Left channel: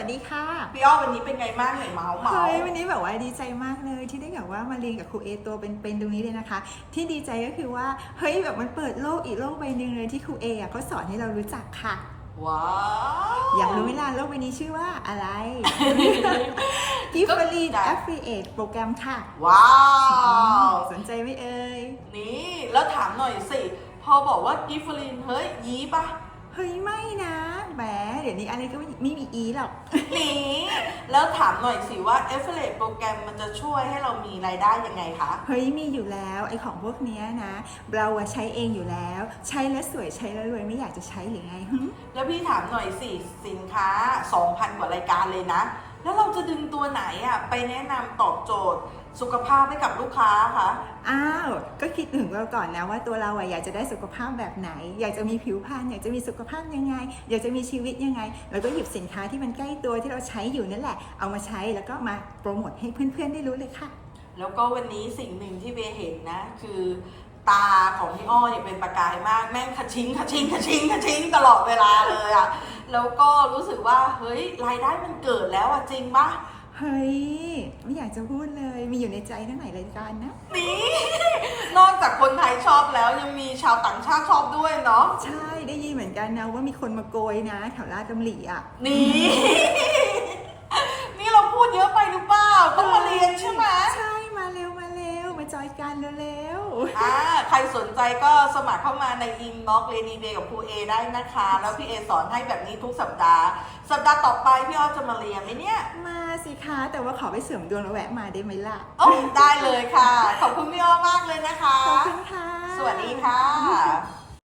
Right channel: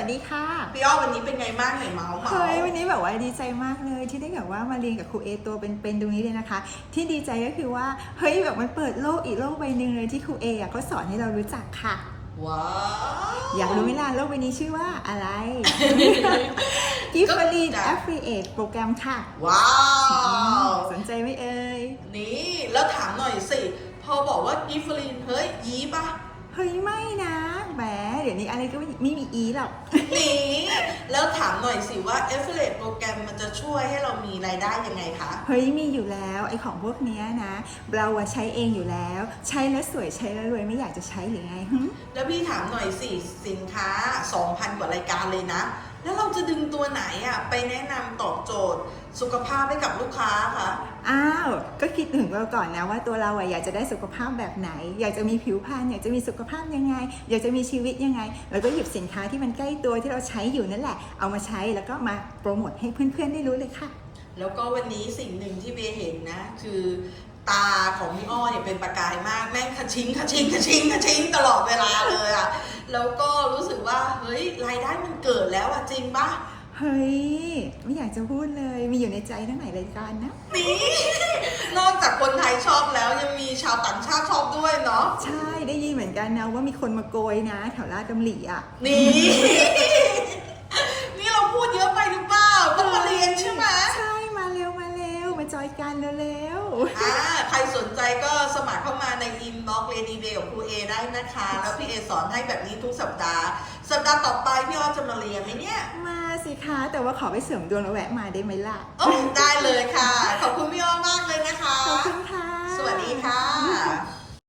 วัสดีค่ะพี่อ้อวันนี้เป็นไงบ้างไหนเมาส์เมาเฮ้ยส์วันนี้แบบว่าดีใจมากเลย ที่ได้แบบว่ามาเรียนกับครูเอตัวเป็นๆตรงนี้เลยนะคะ ที่ดีใจก็คือว่าเฮ้ยแบบมันเปิดโลกอีกโลกใบหนึ่งเลยที่ครูเออะเขาสอนให้เรารู้จักค่ะว้าวอยากรู้ไหมล่ะโลกใบนี้ชื่อว่าอะไรกิฟต์ฟรีดแอฟฟิเอตโปรแกรมค่ะ ว้าว สนใจไหมเอ่ยนี่แล้วถามหน่อยสิ พอบอกว่ากิฟฟลินเฮ้ยยีปะเฮ้ยไม่นะแหมเดี๋ยวนี้อะไรก็ไม่ไม่มีอีหรอก นี่แล้วถามหน่อยสิว่า a f f i l i a t e โปรแกรมมันจะช่วยให้เรามีรายได้ยังไงคะ เฮ้ยมีอยู่แล้วไอ้ของพวกเนี้ยนะ เราอะใช้เองอยู่แล้ว ใช้แล้วสวยใช้แล้วรวยไม่อยากจะใช้หรือไงหึ แล้วพี่ถามหน่อยสิสินค้า 2,000 กว่ารายการเลยนะ แล้วเราจะดึงตัวไหนอะไปแนะนำตอบโจทย์ สุขภาพให้กับลูกค้าคะ อ้าว ก็คิดถึงเราก่อนนะว่าตัวเราอะอยากจะได้สุขภาพแบบไหน อยากจะมีผิวพรรณอยากจะมีสุขภาพยังไง อยากจะมีชีวิตยังไง แล้วก็หยิบสินค้าที่มันใกล้ตัวที่เราใช้อยู่นั่นแหละ เอามาใช้แล้วก็มาโปรโมทให้เพื่อนๆได้รู้เลยค่ะ แล้วก็วันนี้สิ่งหนึ่งที่เบย์เห็นนะ คือตาของพี่อ้อเนี่ยเป็นประกายมากแม่งขชิงขชิงขชิงขชิงตลอดเวลาเลยอะ แล้วก็รู้สึกว่าเฮ้ยรายได้มันเกิดแล้วอะจริงปะเฮ้ย ไม่อยากจะพูดเลย มีอยู่ในใจตั้งหลายรายการนะ นี่ นอกจากคนไทยชอบแล้วยังมีชาวต่างชาติชอบด้วยเนาะ ใช่ ได้ยินเหมือนกันนะว่ามีคนมาโกยนะ แถวลาดกำหลีอะ นี่นี่เราพูดเยอะไปหรือเปล่าต้องมาเรียนใช่ไหม ใช่มาเร็วมาเร็วมาจ อยกันเร็วอ่าใครสนใจก็สมัครเข้ามาในอินบ็อกเลดี้เดย์กับครูเอได้นะคะ แล้วพี่เอสอนให้แบบนี้ทุกสัปดาห์ สัปดาห์ต่อไปพี่อ้อจะมาเรียนไหมเนี่ยๆมาสิคะแต่ว่าขอไปเสริมดวงแล้วแวะมาได้ไหมล่ะ โอ้ได้เลยค่ะ ขอบคุณพี่อ้อมากเลย